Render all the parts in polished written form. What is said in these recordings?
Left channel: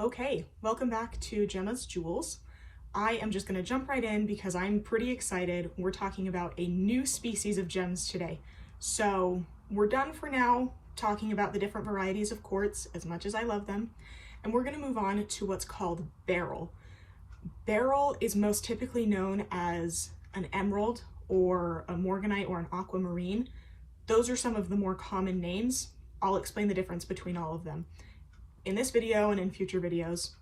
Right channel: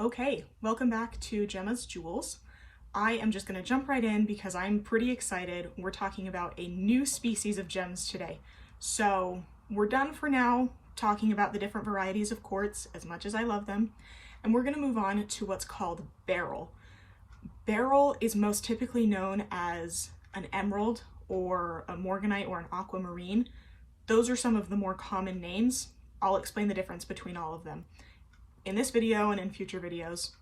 Okay, welcome back to Gemma's Jewels. I am just going to jump right in because I'm pretty excited. We're talking about a new species of gems today. So we're done for now talking about the different varieties of quartz, as much as I love them, and we're going to move on to what's called beryl. Beryl is most typically known as an emerald or a morganite or an aquamarine. Those are some of the more common names. I'll explain the difference between all of them in this video and in future videos.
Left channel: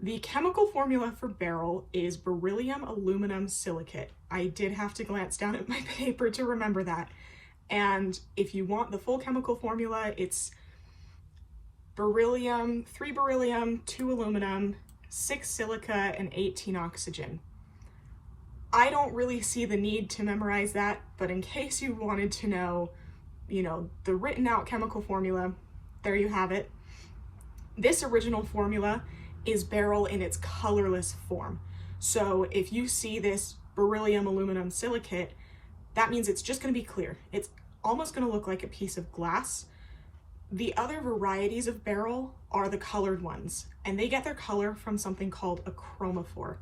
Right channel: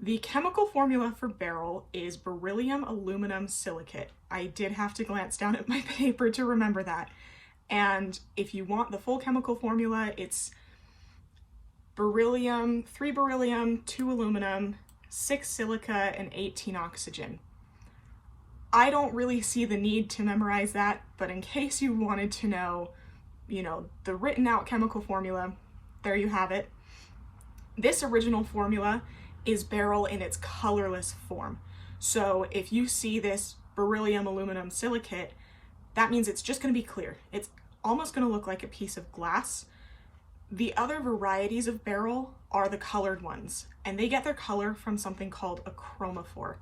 The chemical formula for beryl is beryllium aluminum silicate. I did have to glance down at my paper to remember that. And if you want the full chemical formula, it's beryllium, 3 beryllium, 2 aluminum, 6 silica, and 18 oxygen. I don't really see the need to memorize that, but in case you wanted to know, the written out chemical formula, there you have it. This original formula is beryl in its colorless form. So if you see this beryllium aluminum silicate, that means it's just going to be clear. It's almost going to look like a piece of glass. The other varieties of beryl are the colored ones, and they get their color from something called a chromophore.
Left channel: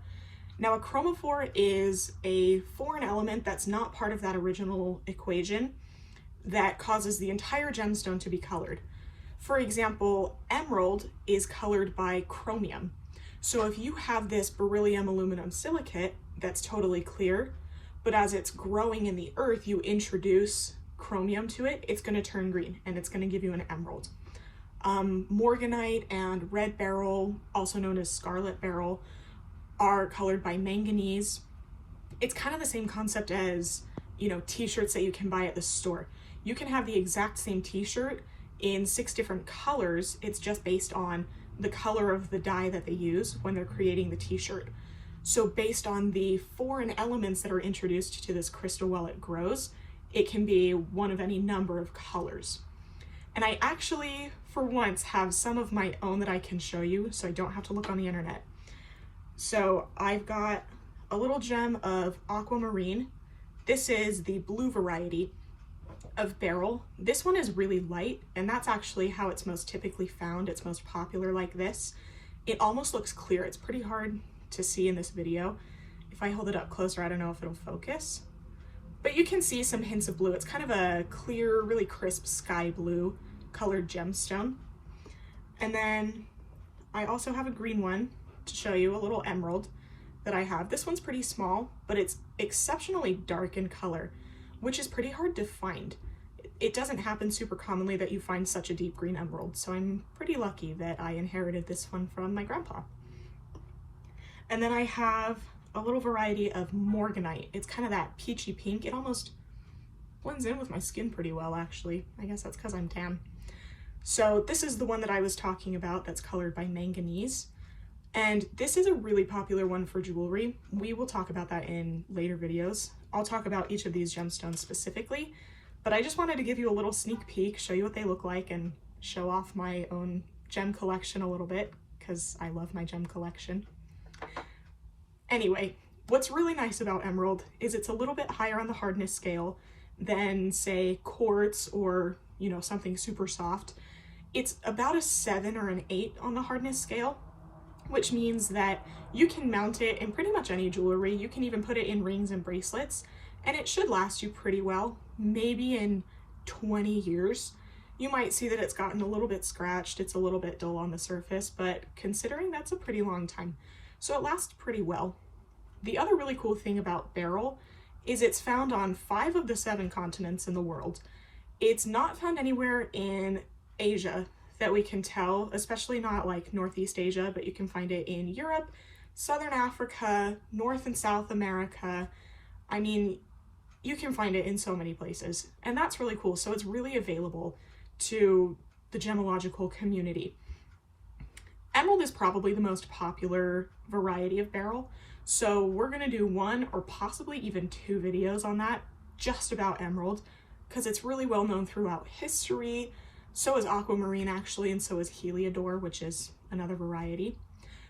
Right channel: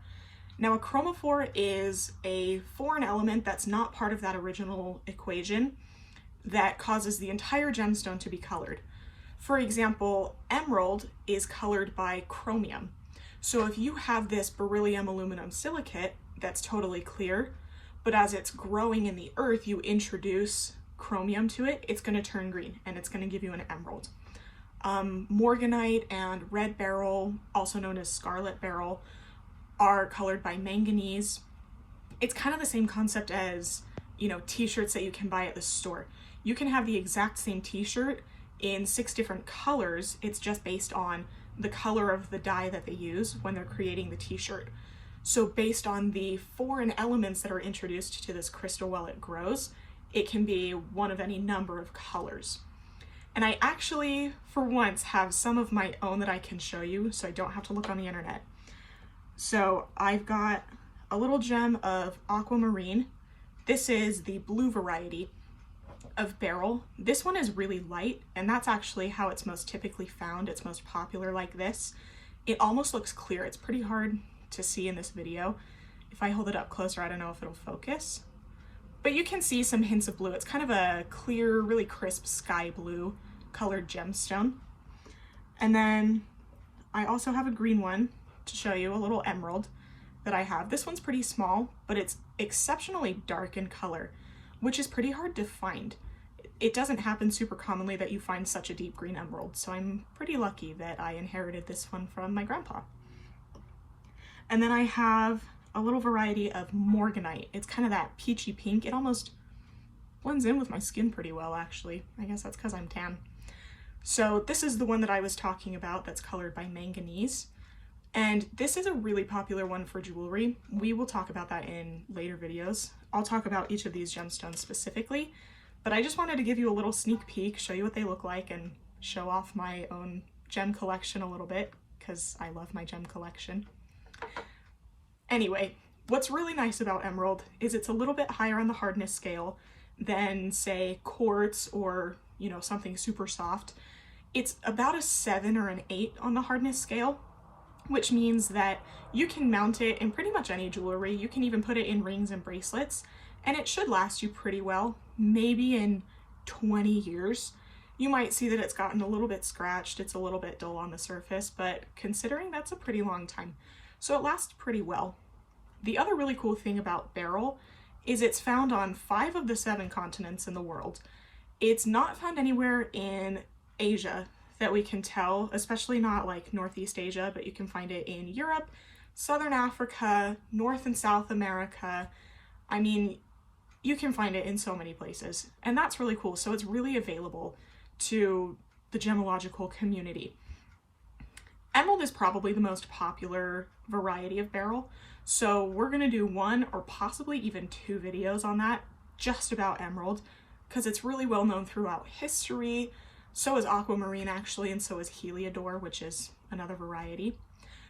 Now, a chromophore is a foreign element that's not part of that original equation that causes the entire gemstone to be colored. For example, emerald is colored by chromium. So if you have this beryllium aluminum silicate that's totally clear, but as it's growing in the earth, you introduce chromium to it, it's going to turn green and it's going to give you an emerald. Morganite and red beryl, also known as scarlet beryl, are colored by manganese. It's kind of the same concept as, t-shirts that you can buy at the store. You can have the exact same t-shirt in 6 different colors. It's just based on the color of the dye that they use when they're creating the t-shirt. So based on the foreign elements that are introduced to this crystal while it grows, it can be one of any number of colors. And I actually, for once, have some of my own that I can show you, so I don't have to look on the internet. So I've got a little gem of aquamarine. This is the blue variety of beryl. This one is really light, and that's actually how it's most typically found. It's most popular like this. It almost looks clear. It's pretty hard to see in this video. If I hold it up closer, I don't know if it'll focus, but you can see some hints of blue. It's kind of a clear, really crisp sky blue colored gemstone. And then I also have a green one to show you, a little emerald that I have. This one's pretty small, but it's exceptionally dark in color, which is pretty hard to find. It doesn't happen super commonly that you find such a deep green emerald, so I'm pretty lucky that I inherited this one from my grandpa. And then I have a little variety of morganite. It's kind of that peachy pink. It almost blends in with my skin pretty well, actually. I guess that's because I'm tan. So this is the one that I was talking about that's colored by manganese. And this is a really popular one for jewelry. We will talk about that in later videos. I'll talk about each of these gemstones specifically, but I just wanted to give you a little sneak peek, show you what they look like, and show off my own gem collection a little bit, because I love my gem collection. Anyway, what's really nice about emerald is it's a little bit higher on the hardness scale than, say, quartz or, something super soft. It's about a 7 or an 8 on the hardness scale, which means that you can mount it in pretty much any jewelry. You can even put it in rings and bracelets, and it should last you pretty well. Maybe in 20 years. You might see that it's gotten a little bit scratched, it's a little bit dull on the surface, but considering that's a pretty long time. So it lasts pretty well. The other really cool thing about beryl is it's found on 5 of the 7 continents in the world. It's not found anywhere in Asia that we can tell, especially not like Northeast Asia, but you can find it in Europe, Southern Africa, North and South America. I mean, you can find it in so many places, and that's really cool. So it's really available to the gemological community. Emerald is probably the most popular variety of beryl, so we're going to do 1 or possibly even 2 videos on that, just about emerald, because it's really well known throughout history. So is aquamarine actually, and so is heliodor, which is another variety.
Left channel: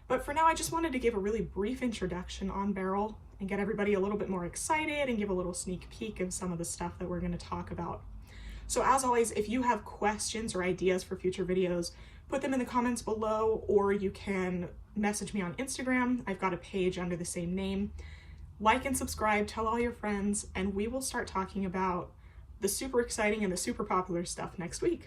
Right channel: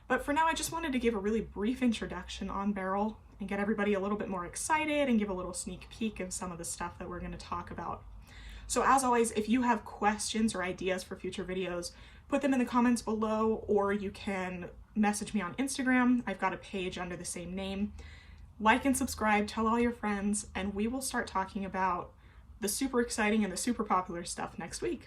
But for now, I just wanted to give a really brief introduction on beryl and get everybody a little bit more excited and give a little sneak peek of some of the stuff that we're going to talk about. So as always, if you have questions or ideas for future videos, put them in the comments below, or you can message me on Instagram. I've got a page under the same name. Like and subscribe, tell all your friends, and we will start talking about the super exciting and the super popular stuff next week.